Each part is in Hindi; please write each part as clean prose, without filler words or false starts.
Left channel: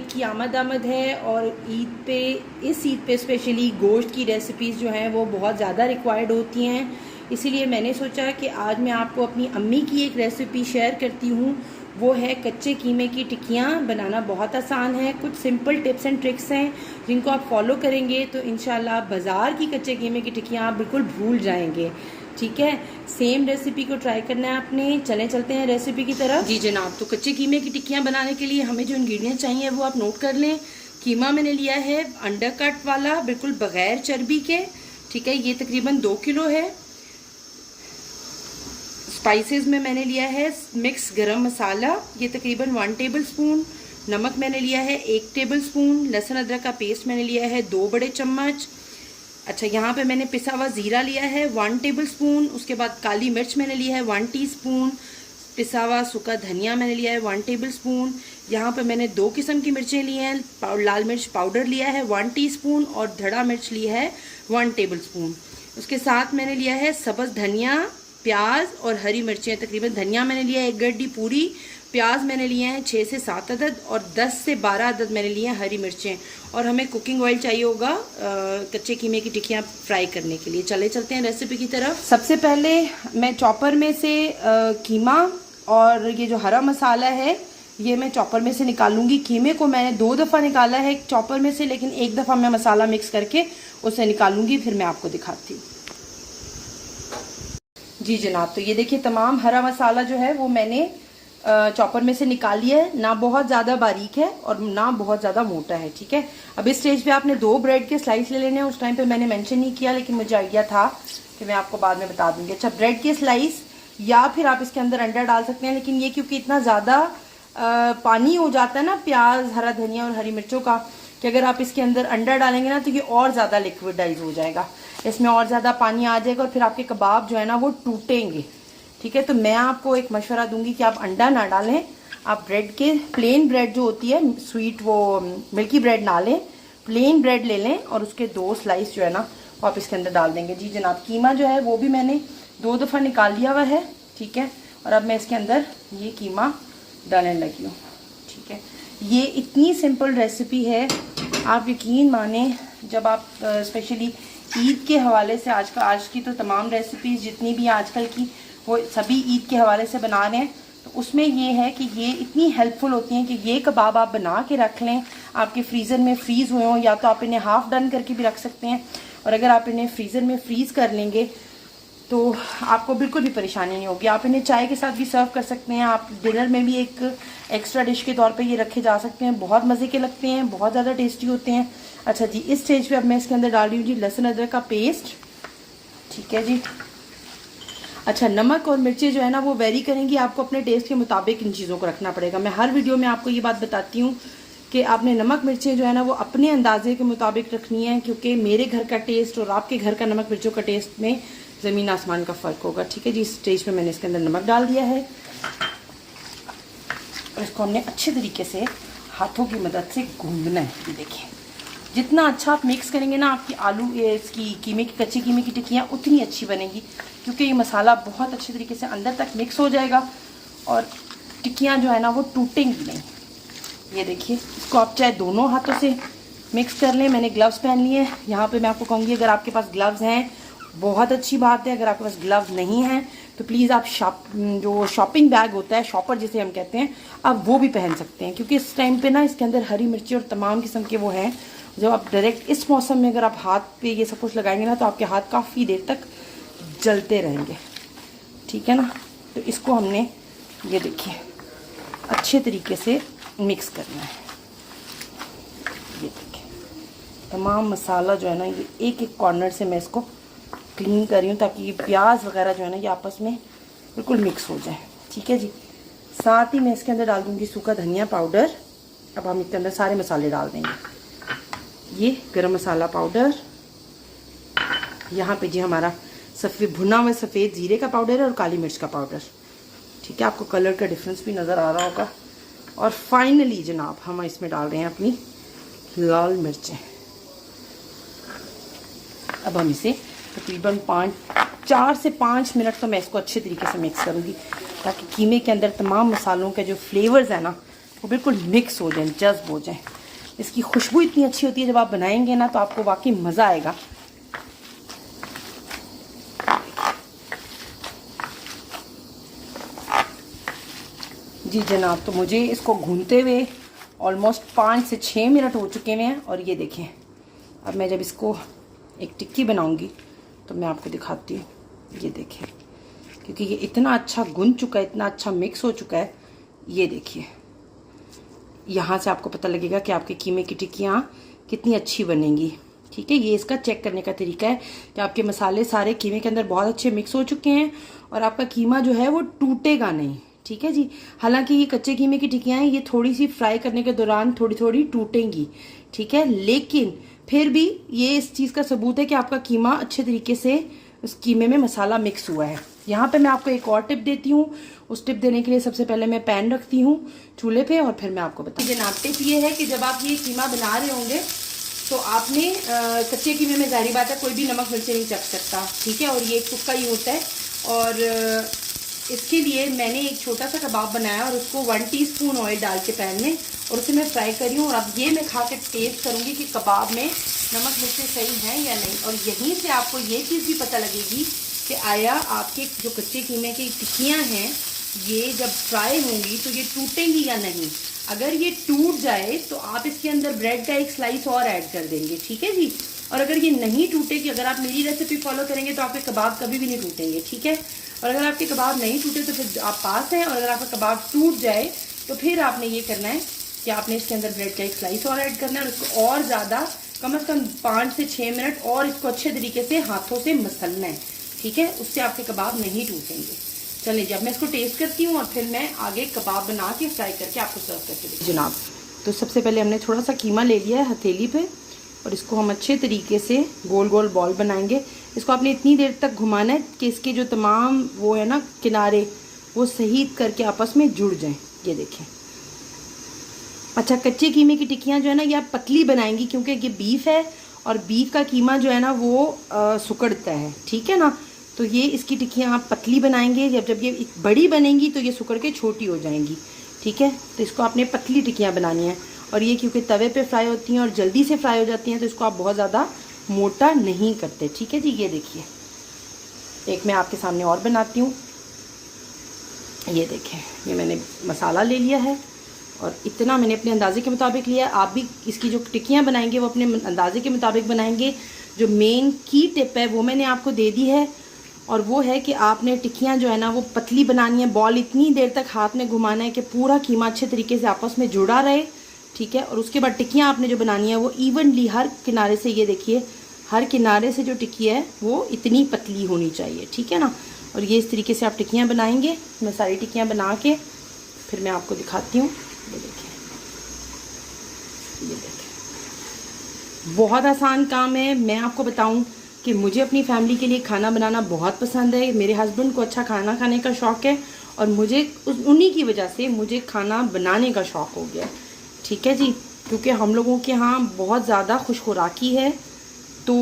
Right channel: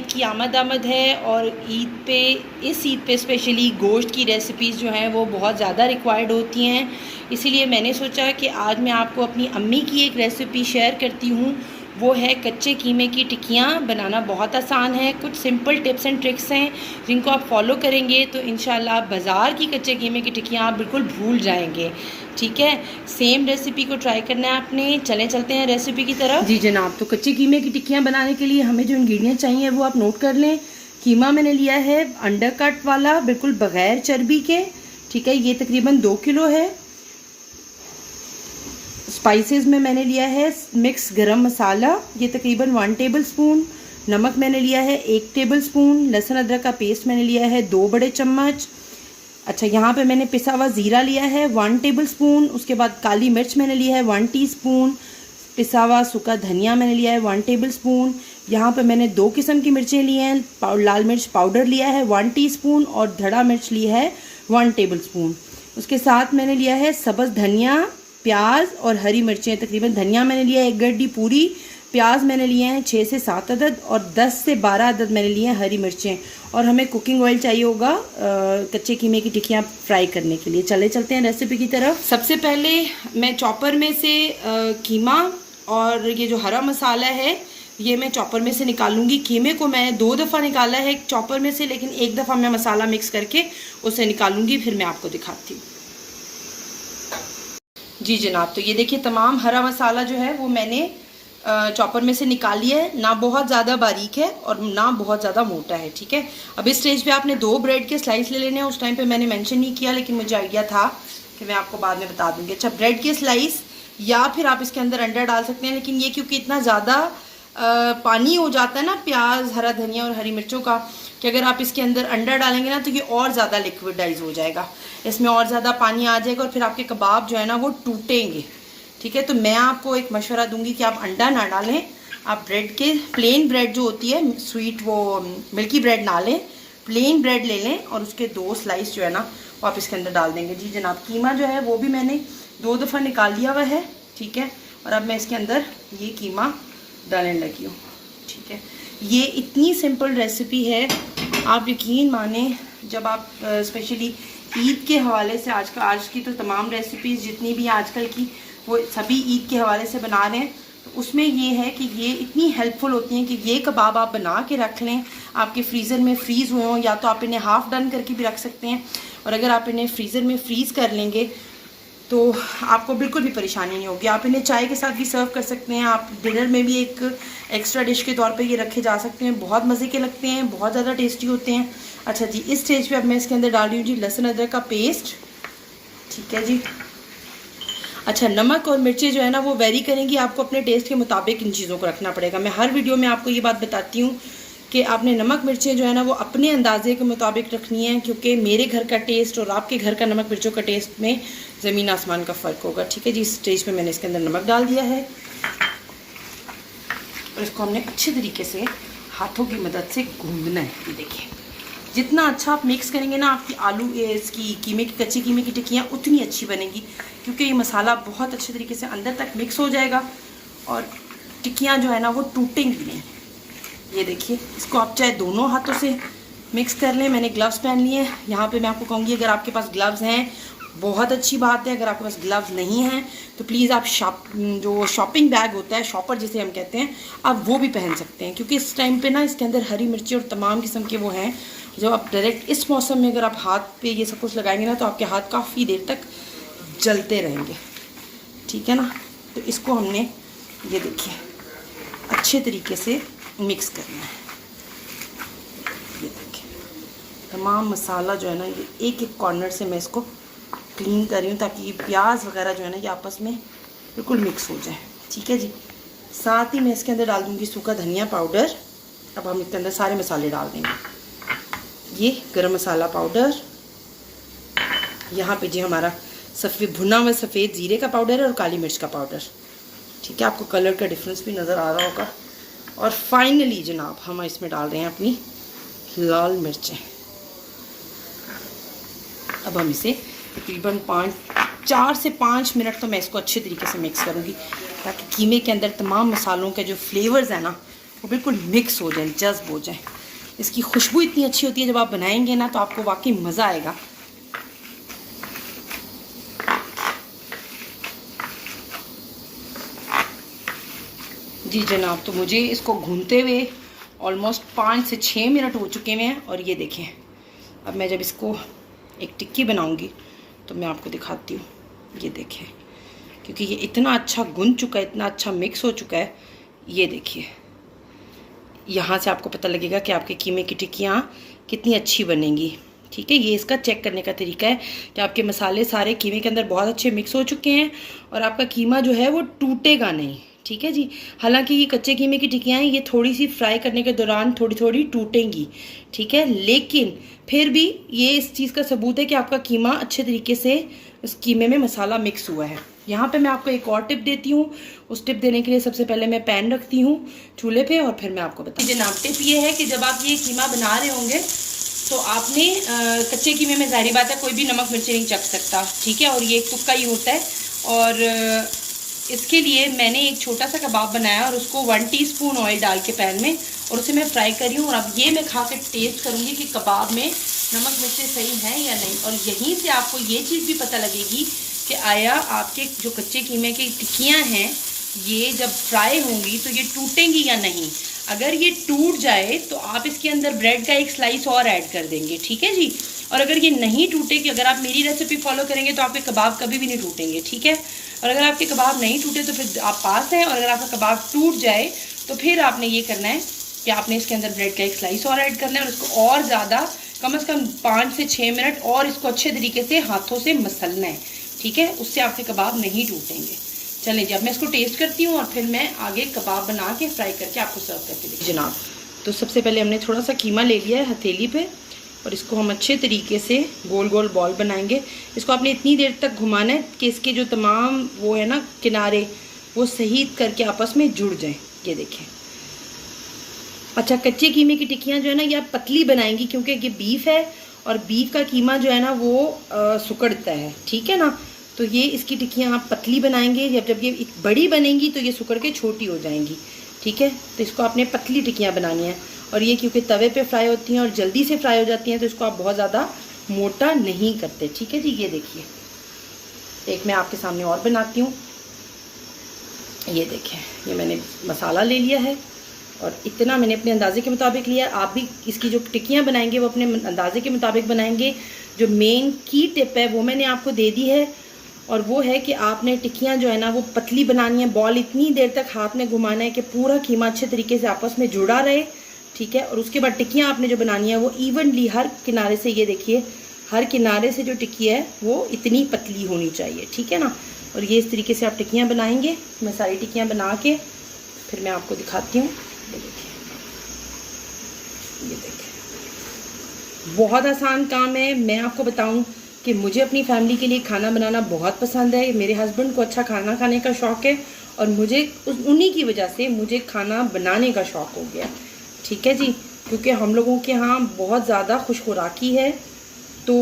ईद की आमद है और इस ईद पे स्पेशली गोश्त की रेसिपीज़ जो हैं वो बहुत ज़्यादा रिक्वायर्ड होती हैं। इसीलिए मैंने सोचा कि आज मैं आपको अपनी अम्मी की एक रेसिपी शेयर करती हूँ। वो है कच्चे कीमे की टिक्कियाँ। बनाना बहुत आसान है, कुछ सिंपल टिप्स एंड ट्रिक्स हैं जिनको आप फॉलो करेंगे तो इंशाल्लाह बाज़ार की कच्चे कीमे की टिक्कियाँ आप बिल्कुल भूल जाएंगे। ठीक है, सेम रेसिपी को ट्राई करना है आपने। चलते हैं रेसिपी की तरफ। जी जनाब, तो कच्चे कीमे की टिक्कियाँ बनाने के लिए हमें जो इंग्रेडिएंट्स चाहिए वो आप नोट कर लें। कीमा मैंने लिया है अंडर कट वाला, बिल्कुल बग़ैर चर्बी के। ठीक है, ये तकरीबन 2 किलो है। स्पाइसेस में मैंने लिया है मिक्स गरम मसाला, ये तकरीबन 1 टेबल स्पून। नमक मैंने लिया है 1 टेबल स्पून। लहसुन अदरक का पेस्ट मैंने लिया है 2 बड़े चम्मच। अच्छा, यहाँ पे मैंने पिसा हुआ ज़ीरा लिया है 1 टेबल स्पून। उसके बाद काली मिर्च मैंने लिया है 1 टीस्पून। पिसा हुआ सूखा धनिया मैंने लिया है 1 टेबल स्पून। यहाँ पे मैंने 2 किस्म की मिर्चें ली हैं। लाल मिर्च पाउडर लिया है 1 टीस्पून और धड़ा मिर्च ली है 1 टेबल स्पून। उसके साथ मैंने लिया है सब्ज़ धनिया, प्याज और हरी मिर्चें। तकरीबन धनिया मैंने लिया है 1 गड्डी पूरी, प्याज मैंने लिए हैं 6 से 7 अदद और 10 से 12 अदद मैंने लिए हैं हरी मिर्चें। और हमें कुकिंग ऑयल चाहिए होगा कच्चे कीमे की टिक्कियाँ फ्राई करने के लिए। चलते हैं रेसिपी की तरफ। सबसे पहले मैं चॉपर में से कीमा और ये जो हरा मसाला है ये मैं चॉपर में से निकालूंगी। कीमे को मैंने 2 दफ़ा निकाला है चॉपर में से, लेकिन 1 दफ़ा मैं मसाला मिक्स करके उसे निकालूंगी, फिर मैं आपको दिखाती हूँ। जी जनाब, तो ये देखिए तमाम हरा मसाला जो है वो मैंने चॉपर में से निकाल लिया है। ना बहुत ज़्यादा बारीक है और ना बहुत ज़्यादा मोटा है। ठीक है, अब इस स्टेज पे आपने 2 ब्रेड के स्लाइस ले लेने हैं। उस टाइम पे मैंने मेंशन नहीं किया, लेकिन मुझे आइडिया था कि मैं आपको बाद में बता दूंगी। अच्छा, ब्रेड के स्लाइस या फिर आप इसके अंदर अंडा डाल सकते हैं, लेकिन ये क्योंकि इतना ज़्यादा पानी हो जाता है ना प्याज, हरा धनिया और हरी मिर्चों का, कि अगर आप इसके अंदर अंडा डालेंगे ना तो ये और ज़्यादा लिक्विडाइज हो जाएगा, इसमें और ज़्यादा पानी आ जाएगा और फिर आपके कबाब जो है ना वो टूटेंगे। ठीक है, तो मैं आपको एक मशवरा दूंगी कि आप अंडा ना डालें। आप ब्रेड के प्लेन ब्रेड जो होती है स्वीट, वो मिल्की ब्रेड ना लें, प्लेन ब्रेड ले लें और उसके 2 स्लाइस जो है ना वो आप इसके अंदर डाल देंगे। जी जनाब, कीमा जो है वो भी मैंने 2 दफ़ा निकाल लिया हुआ है। ठीक है, और अब मैं इसके अंदर ये कीमा डालने लगी हूँ। ठीक है, ये इतनी सिंपल रेसिपी है, आप यकीन माने। जब आप स्पेशली ईद के हवाले से आज की तो तमाम रेसिपीज़ जितनी भी आजकल की वो सभी ईद के हवाले से बना रहे हैं, तो उसमें ये है कि ये इतनी हेल्पफुल होती हैं कि ये कबाब आप बना के रख लें, आपके फ्रीज़र में फ्रीज़ हुए हों, या तो आप इन्हें हाफ़ डन करके भी रख सकते हैं। और अगर आप इन्हें फ्रीज़र में फ्रीज़ कर लेंगे तो आपको बिल्कुल भी परेशानी नहीं होगी। आप इन्हें चाय के साथ भी सर्व कर सकते हैं। आप डिनर में भी एक एक्स्ट्रा डिश के तौर पे ये रखे जा सकते हैं। बहुत मज़े के लगते हैं, बहुत ज़्यादा टेस्टी होते हैं। अच्छा जी, इस स्टेज पे अब मैं इसके अंदर डाल रही हूँ जी लहसुन अदरक का पेस्ट। ठीक है जी। अच्छा, नमक और मिर्चें जो है ना वो वेरी करेंगी, आपको अपने टेस्ट के मुताबिक इन चीज़ों को रखना पड़ेगा। मैं हर वीडियो में आपको ये बात बताती हूँ कि आपने नमक मिर्चें जो है ना वो अपने अंदाजे के मुताबिक रखनी है, क्योंकि मेरे घर का टेस्ट और आपके घर का नमक मिर्चों का टेस्ट में ज़मीन आसमान का फ़र्क होगा। ठीक है जी, इस स्टेज पे मैंने इसके अंदर नमक डाल दिया है और इसको हमने अच्छे तरीके से हाथों की मदद से गूंदना है। ये देखिए, जितना अच्छा आप मिक्स करेंगे ना, आपकी इसकी कच्ची कीमे की टिक्कियाँ उतनी अच्छी बनेगी, क्योंकि ये मसाला बहुत अच्छे तरीके से अंदर तक मिक्स हो जाएगा और टिक्कियाँ जो है ना वो टूटेंगी नहीं। ये देखिए, इसको आप चाहे दोनों हाथों से मिक्स कर लें। मैंने ग्लव्स पहन लिए हैं। यहाँ पे मैं आपको कहूँगी अगर आपके पास ग्लव्स हैं बहुत अच्छी बात है, अगर आपके पास ग्लव्स नहीं हैं तो प्लीज़ आप जो शॉपिंग बैग होता है, शॉपर जिसे हम कहते हैं, आप वो भी पहन सकते हैं, क्योंकि इस टाइम पे ना इसके अंदर हरी मिर्ची और तमाम किस्म के वो हैं। जब आप डायरेक्ट इस मौसम में अगर आप हाथ पे ये सब कुछ लगाएंगे ना तो आपके हाथ काफ़ी देर तक जलते रहेंगे। ठीक है ना, तो इसको हमने ये देखिए अच्छे तरीके से मिक्स करना है। ये देखिए तमाम मसाला जो है ना ये एक एक कॉर्नर से मैं इसको क्लीन कर रही हूँ, ताकि ये प्याज वगैरह जो है ना ये आपस में बिल्कुल मिक्स हो जाए। ठीक है जी, साथ ही मैं इसके अंदर डाल दूँगी सूखा धनिया पाउडर। अब हम इसके अंदर सारे मसाले डाल देंगे। ये गरम मसाला पाउडर, यहाँ पे जी हमारा भुना हुआ सफ़ेद ज़ीरे का पाउडर है और काली मिर्च का पाउडर। ठीक है, आपको कलर का डिफरेंस भी नज़र आ रहा होगा। और फाइनली जनाब हम इसमें डाल रहे हैं अपनी लाल मिर्चें। अब हम इसे तकरीबन 4 से 5 मिनट तो मैं इसको अच्छे तरीके से मिक्स करूँगी, ताकि कीमे के अंदर तमाम मसालों के जो फ्लेवर्स हैं ना वो बिल्कुल मिक्स हो जाएं, जज्ब हो जाएं। इसकी खुशबू इतनी अच्छी होती है, जब आप बनाएंगे ना तो आपको वाकई मज़ा आएगा। जी जनाब, तो मुझे इसको भूनते हुए ऑलमोस्ट 5 से 6 मिनट हो चुके हैं। और ये देखें, अब मैं जब इसको एक टिक्की बनाऊंगी तो मैं आपको दिखाती हूँ। ये देखें, क्योंकि ये इतना अच्छा गुन चुका है, इतना अच्छा मिक्स हो चुका है। ये देखिए, यहाँ से आपको पता लगेगा कि आपके कीमे की टिक्कियाँ कितनी अच्छी बनेंगी। ठीक है, ये इसका चेक करने का तरीका है कि आपके मसाले सारे कीमे के अंदर बहुत अच्छे मिक्स हो चुके हैं और आपका कीमा जो है वो टूटेगा नहीं। ठीक है जी, हालांकि ये कच्चे कीमे की टिक्कियाँ हैं, ये थोड़ी सी फ्राई करने के दौरान थोड़ी थोड़ी टूटेंगी। ठीक है, लेकिन फिर भी ये इस चीज़ का सबूत है कि आपका कीमा अच्छे तरीके से उस कीमे में मसाला मिक्स हुआ है। यहाँ पे मैं आपको एक और टिप देती हूँ। उस टिप देने के लिए सबसे पहले मैं पैन रखती हूँ चूल्हे पे और फिर मैं आपको बताती हूँ। जनाब, टिप ये है कि जब आप ये कीमा बना रहे होंगे तो आपने कच्चे कीमे में ज़ाहिर बात है कोई भी नमक मिर्ची नहीं चख सकता। ठीक है, और ये एक तुक्का ही होता है। और इसके लिए मैंने एक छोटा सा कबाब बनाया और उसको 1 टीस्पून ऑयल डाल के पैन में और उसे मैं फ्राई करी हूँ। और अब ये मैं खा के टेस्ट करूँगी कि कबाब में नमक मिर्ची सही हैं या नहीं। और यहीं से आपको ये चीज़ भी पता लगेगी कि आया आपके जो कच्चे कीमे की टिक्कियाँ हैं ये जब फ्राई होंगी तो ये टूटेंगी या नहीं। अगर ये टूट जाए तो आप इसके अंदर ब्रेड का एक स्लाइस और ऐड कर देंगे। ठीक है जी, और अगर ये नहीं टूटे, कि अगर आप मेरी रेसिपी फॉलो करेंगे तो आपके कबाब कभी भी नहीं टूटेंगे। ठीक है, और अगर आपके कबाब नहीं टूटे तो फिर आप पास हैं। और अगर आपका कबाब टूट जाए तो फिर आपने ये करना है कि आपने इसके अंदर ब्रेड का एक स्लाइस और ऐड करना है और इसको और ज़्यादा कम से कम 5 से 6 मिनट और इसको अच्छे तरीके से हाथों से मसलना है। ठीक है, उससे आपके कबाब नहीं टूटेंगे। चलें जी, अब मैं इसको टेस्ट करती हूँ और फिर मैं आगे कबाब बना के फ्राई करके आपको सर्व करके दूँगी। जनाब, तो सबसे पहले हमने थोड़ा सा कीमा ले लिया है हथेली पे और इसको हम अच्छे तरीके से गोल गोल बॉल बनाएंगे। इसको आपने इतनी देर तक घुमाना है कि इसके जो तमाम वो है ना किनारे, वो सही करके आपस में जुड़ जाएं। ये देखें। अच्छा, कच्चे कीमे की टिक्कियाँ जो है ना ये आप पतली बनाएंगी क्योंकि ये बीफ है और बीफ का कीमा जो है ना वो सुकड़ता है। ठीक है ना, तो ये इसकी टिक्कियाँ आप पतली बनाएंगे। जब ये बड़ी बनेंगी तो ये सुकड़ के छोटी हो जाएंगी। ठीक है, तो इसको आपने पतली टिक्कियाँ बनानी है। और ये क्योंकि तवे पे फ्राई होती हैं और जल्दी से फ्राई हो जाती हैं तो इसको आप बहुत ज़्यादा मोटा नहीं करते। ठीक है जी, ये देखिए, एक मैं आपके सामने और बनाती हूँ। ये देखें, ये मैंने मसाला ले लिया है और इतना मैंने अपने अंदाजे के मुताबिक लिया। आप भी इसकी जो टिक्कियाँ बनाएंगे वो अपने अंदाजे के मुताबिक बनाएंगे। जो मेन की टिप है वो मैंने आपको दे दी है और वो है कि आपने टिक्कियाँ जो है ना वो पतली बनानी है। बॉल इतनी देर तक हाथ में घुमाना है कि पूरा कीमा अच्छे तरीके से आपस में जुड़ा रहे। ठीक है, और उसके बाद टिक्कियाँ आपने जो बनानी है वो इवनली हर किनारे से, ये देखिए, हर किनारे से जो टिक्की है वो इतनी पतली होनी चाहिए। ठीक है ना, और ये इस तरीके से आप टिक्कियाँ बनाएंगे। मैं सारी टिक्कियाँ बना के फिर मैं आपको दिखाती हूँ। ये देखिए, ये देखिए, बहुत आसान काम है। मैं आपको बताऊं कि मुझे अपनी फैमिली के लिए खाना बनाना बहुत पसंद है। मेरे हस्बैंड को अच्छा खाना खाने का शौक़ है और मुझे उन्हीं की वजह से मुझे खाना बनाने का शौक़ हो गया। ठीक है जी, क्योंकि हम लोगों के यहाँ बहुत ज़्यादा खुशखुराकी है तो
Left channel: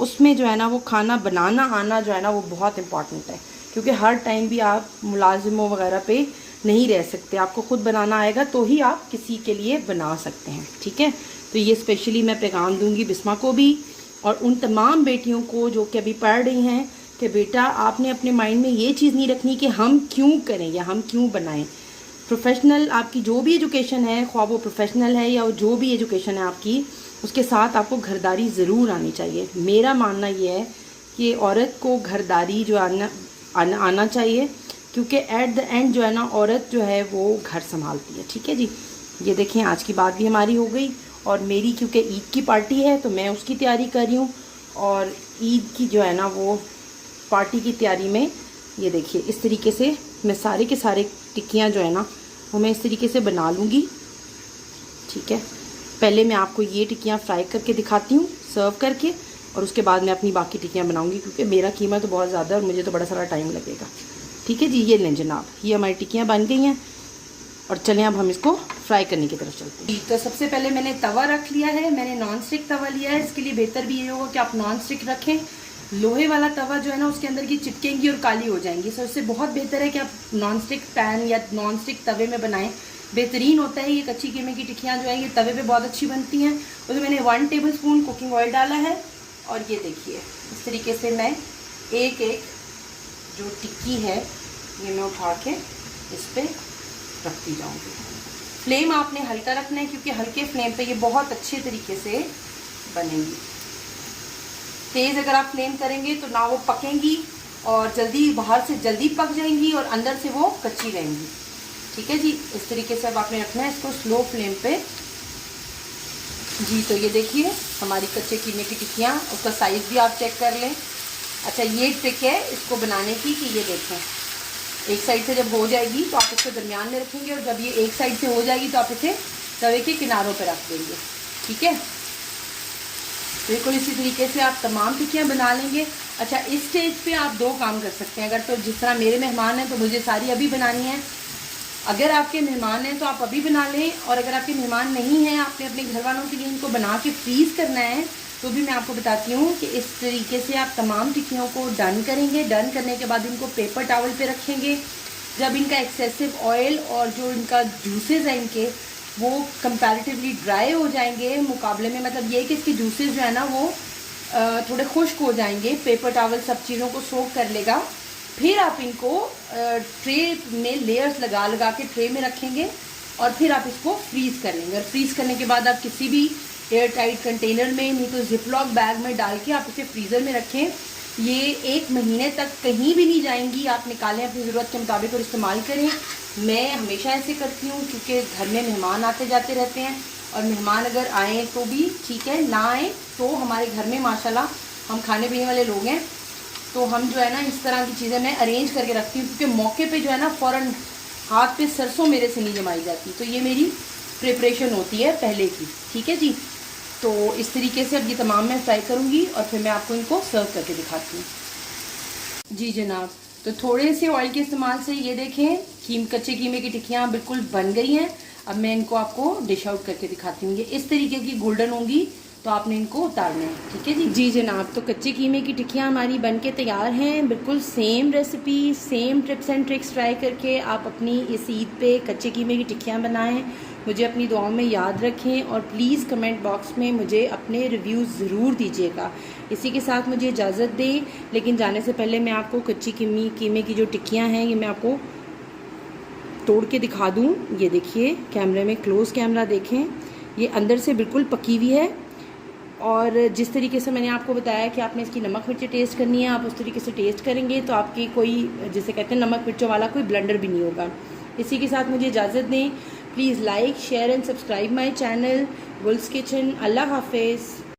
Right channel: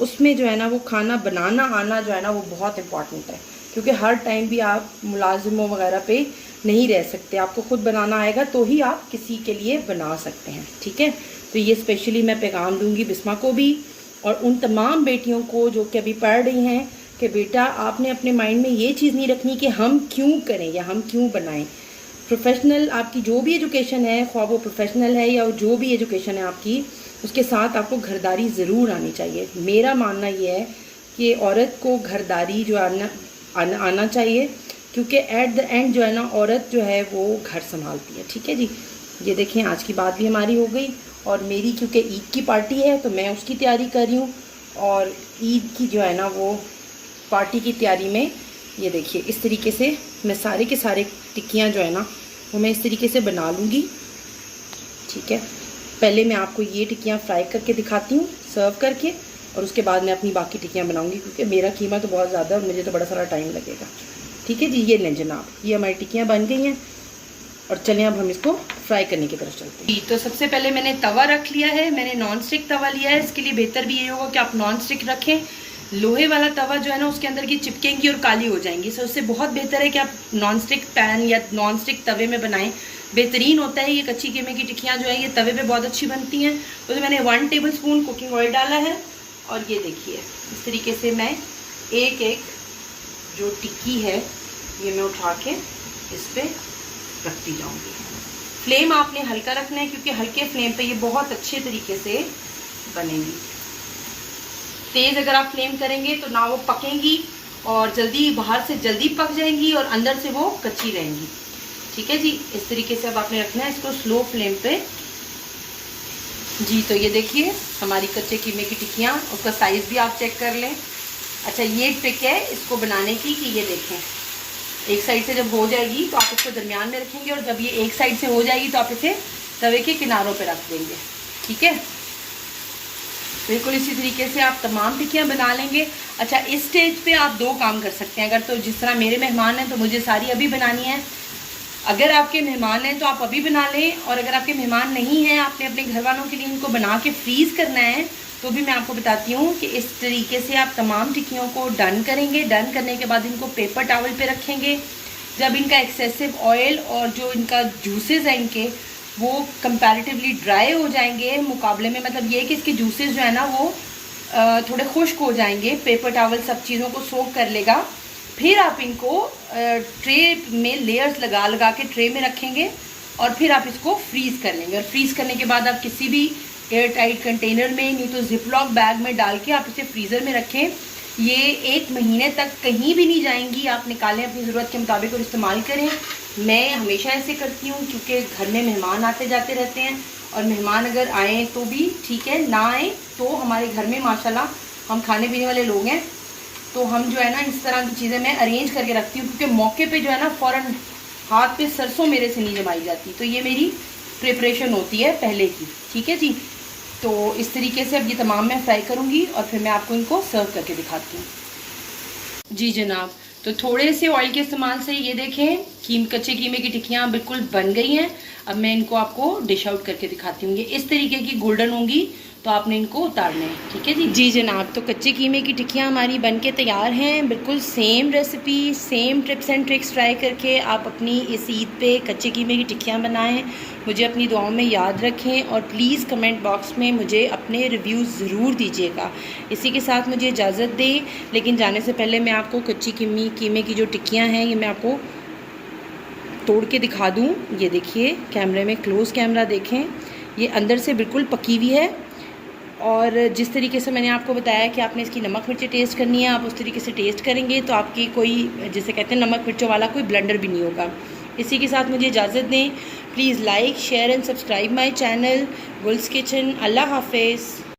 उसमें जो है ना वो खाना बनाना आना जो है ना वो बहुत इम्पॉर्टेंट है। क्योंकि हर टाइम भी आप मुलाजिमों वगैरह पे नहीं रह सकते, आपको खुद बनाना आएगा तो ही आप किसी के लिए बना सकते हैं। ठीक है, तो ये स्पेशली मैं पैगाम दूंगी बिस्मा को भी और उन तमाम बेटियों को जो कि अभी पढ़ रही हैं कि बेटा आपने अपने माइंड में ये चीज़ नहीं रखनी कि हम क्यों करें या हम क्यों बनाएं। प्रोफेशनल आपकी जो भी एजुकेशन है, ख्वाह वो प्रोफेशनल है या जो भी एजुकेशन है आपकी, उसके साथ आपको घरदारी ज़रूर आनी चाहिए। मेरा मानना ये है कि औरत को घरदारी जो आना चाहिए क्योंकि एट द एंड जो है ना औरत जो है वो घर संभालती है। ठीक है जी, ये देखें, आज की बात भी हमारी हो गई और मेरी क्योंकि ईद की पार्टी है तो मैं उसकी तैयारी कर रही हूँ और ईद की जो है ना वो पार्टी की तैयारी में ये देखिए इस तरीके से मैं सारे के सारे टिक्कियाँ जो है ना वो मैं इस तरीके से बना लूँगी। ठीक है, पहले मैं आपको ये टिक्कियाँ फ्राई करके दिखाती हूँ सर्व करके और उसके बाद मैं अपनी बाकी टिक्कियाँ बनाऊँगी क्योंकि मेरा कीमा तो बहुत ज़्यादा है और मुझे तो बड़ा सारा टाइम लगेगा। ठीक है जी, ये लें जनाब, ये हमारी टिक्कियाँ बन गई हैं और चलें अब हम इसको फ्राई करने की तरफ चलते हैं। तो सबसे पहले मैंने तवा रख लिया है, मैंने नॉन स्टिक तवा लिया है। इसके लिए बेहतर भी ये होगा कि आप नॉन स्टिक रखें। लोहे वाला तवा जो है ना उसके अंदर की चिपकेंगी और काली हो जाएंगी। सो उससे बहुत बेहतर है कि आप नॉन स्टिक पैन या नॉन स्टिक तवे में बनाएं बेहतरीन होता है। ये कच्ची कीमे की टिक्कियाँ जो है ये तवे पे बहुत अच्छी बनती हैं। तो मैंने 1 टेबलस्पून कुकिंग ऑयल डाला है और ये देखिए इस तरीके से मैं एक एक जो टिक्की है ये मैं उठा के इस पर रखती जाऊँगी। फ्लेम आपने हल्का रखना है क्योंकि हल्के फ्लेम पे ये बहुत अच्छे तरीके से बनेंगी। तेज़ अगर आप फ्लेम करेंगे तो ना वो पकेंगी और जल्दी बाहर से जल्दी पक जाएंगी और अंदर से वो कच्ची रहेंगी। ठीक है जी, इस तरीके से अब आपने रखना है इसको स्लो फ्लेम पे जी। तो ये देखिए हमारी कच्चे कीमे की टिक्कियाँ, उसका साइज़ भी आप चेक कर लें। अच्छा ये ट्रिक है इसको बनाने की कि ये देखें एक साइड से जब हो जाएगी तो आप इसको दरमियान में रखेंगे और जब ये एक साइड से हो जाएगी तो आप इसे तवे के किनारों पे रख देंगे। ठीक है, बिल्कुल इसी तरीके से आप तमाम टिक्कियाँ बना लेंगे। अच्छा इस स्टेज पे आप 2 काम कर सकते हैं। अगर तो जिस तरह मेरे मेहमान हैं तो मुझे सारी अभी बनानी है। अगर आपके मेहमान हैं तो आप अभी बना लें, और अगर आपके मेहमान नहीं हैं आपने अपने घर वालों के लिए इनको बना के फ्रीज़ करना है तो भी मैं आपको बताती हूँ कि इस तरीके से आप तमाम टिक्कियों को डन करेंगे। डन करने के बाद इनको पेपर टॉवल पे रखेंगे। जब इनका एक्सेसिव ऑयल और जो इनका जूसेस हैं इनके वो कंपैरेटिवली ड्राई हो जाएंगे मुकाबले में, मतलब ये कि इसके जूसेस जो है ना वो थोड़े खुश्क हो जाएंगे, पेपर टॉवल सब चीज़ों को सोक कर लेगा। फिर आप इनको ट्रे में लेयर्स लगा लगा के ट्रे में रखेंगे और फिर आप इसको फ्रीज़ कर लेंगे। और फ्रीज़ करने के बाद आप किसी भी एयर टाइट कंटेनर में, नहीं तो जिपलॉक बैग में डाल के आप इसे फ्रीज़र में रखें। ये 1 महीने तक कहीं भी नहीं जाएंगी। आप निकालें अपनी ज़रूरत के मुताबिक और इस्तेमाल करें। मैं हमेशा ऐसे करती हूँ क्योंकि घर में मेहमान आते जाते रहते हैं और मेहमान अगर आएँ तो भी ठीक है, ना आए तो हमारे घर में माशाल्लाह हम खाने पीने वाले लोग हैं तो हम जो है ना इस तरह की चीज़ें मैं अरेंज करके रखती हूँ क्योंकि मौके पे जो है ना फ़ौरन हाथ पे सरसों मेरे से नहीं जमाई जाती। तो ये मेरी प्रिपरेशन होती है पहले की। ठीक है जी, तो इस तरीके से अब ये तमाम मैं फ्राई करूँगी और फिर मैं आपको इनको सर्व करके दिखाती हूँ। जी जनाब, तो थोड़े से ऑयल के इस्तेमाल से ये देखें कच्चे कीमे की टिक्कियाँ बिल्कुल बन गई हैं। अब मैं इनको आपको डिश आउट करके दिखाती हूँ। ये इस तरीके की गोल्डन होंगी तो आपने इनको उतारना है। ठीक है जी। जी जनाब, तो कच्चे कीमे की टिक्कियाँ हमारी बनके तैयार हैं। बिल्कुल same recipe, same tips and tricks try करके आप अपनी इस ईद पे कच्चे कीमे की टिक्कियाँ बनाएं। मुझे अपनी दुआओं में याद रखें और प्लीज़ कमेंट बॉक्स में मुझे अपने रिव्यूज़ ज़रूर दीजिएगा। इसी के साथ मुझे इजाज़त दें, लेकिन जाने से पहले मैं आपको कच्ची कीमे की जो टिक्कियाँ हैं ये मैं आपको तोड़ के दिखा दूँ। ये देखिए कैमरे में, क्लोज़ कैमरा देखें, ये अंदर से बिल्कुल पकी हुई है। और जिस तरीके से मैंने आपको बताया कि आपने इसकी नमक मिर्ची टेस्ट करनी है, आप उस तरीके से टेस्ट करेंगे तो आपकी कोई, जिसे कहते हैं नमक मिर्चों वाला कोई ब्लेंडर भी नहीं होगा। इसी के साथ मुझे इजाज़त दें। Please like, share and subscribe my channel Gul's kitchen. अल्लाह हाफिज़।